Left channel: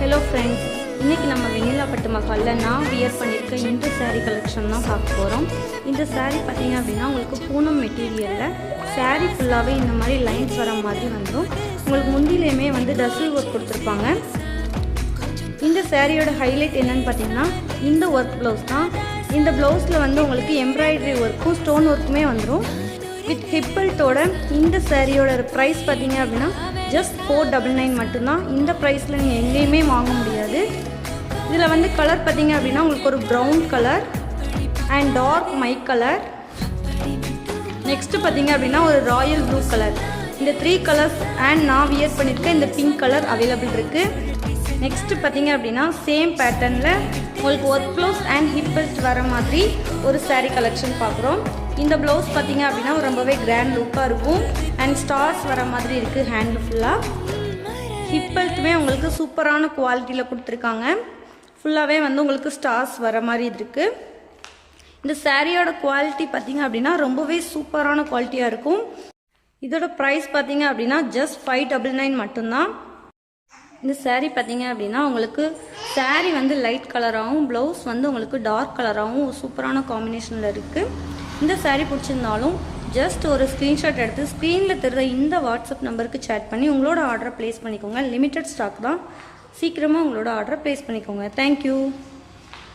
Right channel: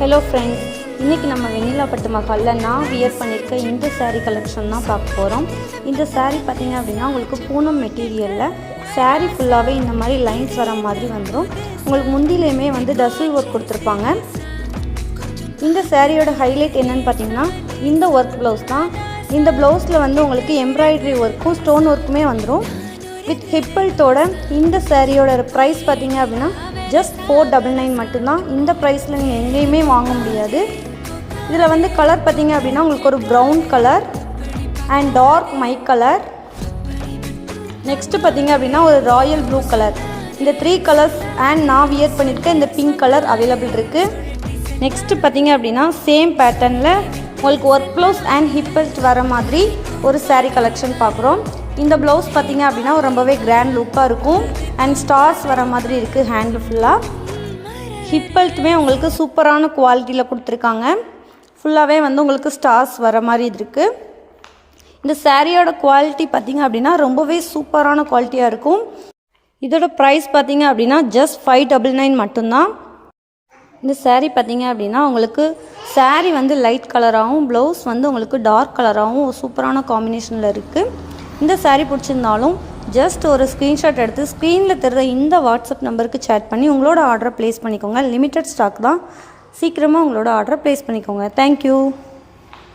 Hello friends, இன்றைக்கி நம்ம வெண்ணிலா பட்டு மஹாலில் நான் வியர் பண்ணியிருக்க இந்த சாரீ கலெக்ஷன் தான் பார்க்க போகிறோம். இந்த சாரீ பார்த்திங்க அப்படின்னா உங்களுக்கு பூனம் மெட்டீரியலில் சாரீ ஃபுல்லாகவே இந்த மாதிரி லைன்ஸ் வர மாதிரி வந்துடும். உங்களுக்கு முந்திலையுமே வந்து டசில் ஒர்க் கொடுத்துருப்பாங்க. இந்த சாரியோட ஹைலைட் என்னென்னு பார்த்தீங்கன்னா இந்த ஒர்க் ப்ளவுஸ் தான். இந்த ப்ளவுஸில் வந்து உங்களுக்கு எம்ப்ராய்டரி ஒர்க்கும் ஸ்டோன் ஒர்க்குமே வந்துடும். வித் ஹிப்பல்ட்டோட இந்த சாரியோட ப்ரைஸ் பார்த்தீங்க அப்படின்னா ஜஸ்ட் 499 மட்டும்தான். இந்த ப்ரைஸில் நீங்கள் எங்கேயுமே வாங்க முடியாது. இதில் வந்து கலர் பார்த்தீங்க அப்படின்னா உங்களுக்கு ஒரு ப்ரௌன் கலர் அண்ட் டார்க் மை கலர், நெக்ஸ்ட்டு பார்த்தீங்க அப்படின்னா ஒரு ராயல் ப்ளூ கலர். இந்த 3 கலர்ஸ் அண்ட் நான் வியர் பண்ணியிருக்க இந்த பிங்க் கலர் அவைலபிள் இருக்குது. நெக்ஸ்ட்டு பார்த்தீங்க அப்படின்னா சேம் பேட்டர்னில் உங்களுக்கு ஒர்க் ப்ளவுஸ் அண்ட் ஹிப்பல்ட் வர மாதிரி ஒரு சாரீ கலெக்ஷன் பார்க்குறோம். இந்த ப்ளவுஸ் பார்த்தீங்க அப்படின்னா ரொம்பவே கிராண்ட் லுக்காக இருக்கும் அண்ட் ஸ்டார்ஸ் வர மாதிரி இருக்குது. ஹேண்டில் ஃபுல்லாக ஹிப்பல்ட்டுமே உங்களுக்கு சூப்பரான குவாலிட்டியில் கொடுத்துருக்காங்க. ஃபுல்லாகவே வந்து உங்களுக்கு ஸ்டார்ஸ் வர மாதிரி இருக்குது. இந்த சாரியோட குவாலிட்டி பார்த்தீங்க அப்படின்னா ரொம்பவே சூப்பரான குவாலிட்டியாக இருக்கும். இதோட ப்ரைஸ் பார்த்தீங்க அப்படின்னா ஜஸ்ட் 599 மட்டும்தான். இந்த சாரீ பார்த்தீங்க அப்படின்னா உங்களுக்கு சாரீ வந்து லைட் கலராகவும் ப்ளவுஸ் வந்து உங்களுக்கு டார்க் கலராகவும் சூப்பரான காம்பினேஷனில் இருக்குது. இந்த சாரீ பிடிச்சிருந்தாலும் ஜஸ்ட் ஒரு ஸ்க்ரீன்ஷாட் எடுத்து ஸ்க்ரீனில் தருகிற இந்த வாட்ஸ்அப் நம்பருக்கு சேட் பண்ணி உங்களோட ஆர்டரை ப்ளேஸ் பண்ணிக்கோங்க. லிமிட்டட் ஸ்டாக் தான், சீக்கிரமாக உங்களோட ஆர்டரை ப்ளேஸ் பண்ணிக்கோங்க. தேங்க்யூ.